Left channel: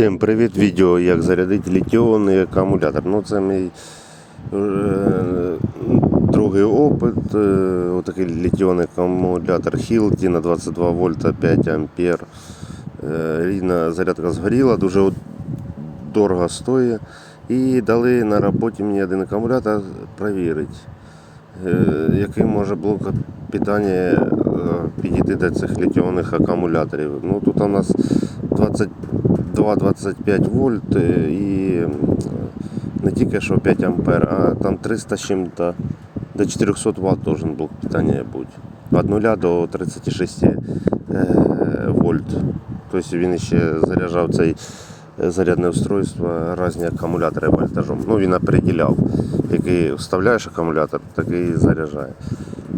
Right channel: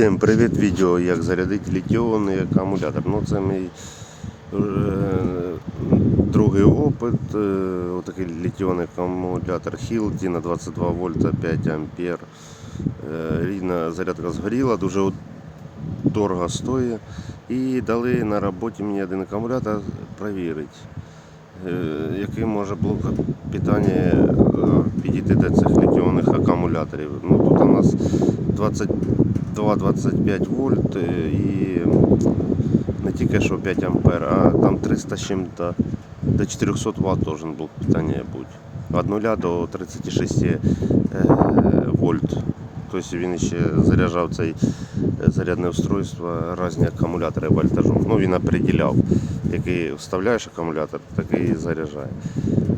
Всім привіт! Відео як зарядити літіонний акумулятор. Ну це мій е, другий опит. Е, отакий літіонний акумулятор Hilti на 22 вольта 5 ампер. Е, рідна зарядка згоріла, дуже дорого стоїть. І дали на роботі мені один акумулятор перевірити, е, який може блок питання е, підійти до цих літіонних акумуляторів. Ну, тут у нас 22-25 вольт е, і м, не тільки що 5 ампер, а там 300 з чим-то до 400 Вт должен блок питання бути. Від 0 до 36 е, вольт. Тобто він ще заряджав цей е, зарядне устройство різні акумулятори вольтажом. Ну він определяв, який вставляєш акумулятор, такий і заряджає.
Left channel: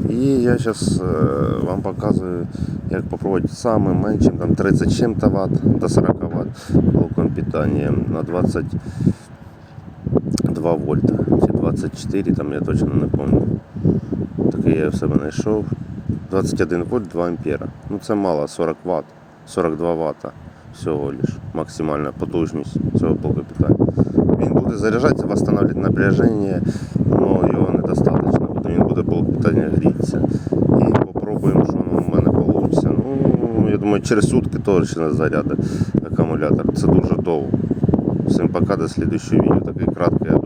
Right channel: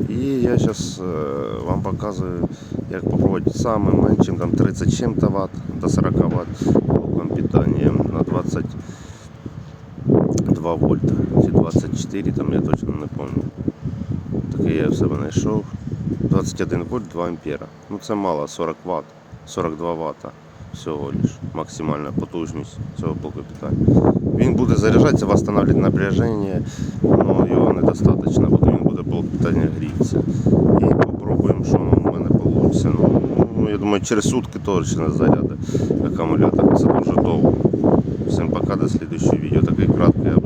І я зараз вам показую, як попробувати самим меншим, там 37 Вт до 40 Вт блоком питання на 22 вольта. Чи 24, там я точно не пам'ятаю. Такий я в себе знайшов. 21 вольт 2 ампера. Ну це мало, 40 Вт, 42 Вт всього лиш. Максимальна потужність цього блоку питання. Він буде заряджатися, восстанавливать напряження, але його недостатньо, бо він буде блок питання грітися. І попробуємо, що воно в мене вийде. Ну, я думаю, через сутки точно заряди акумулятор. Це дуже довго. Всім пока, до слідчого відео. Такий краткий обзор.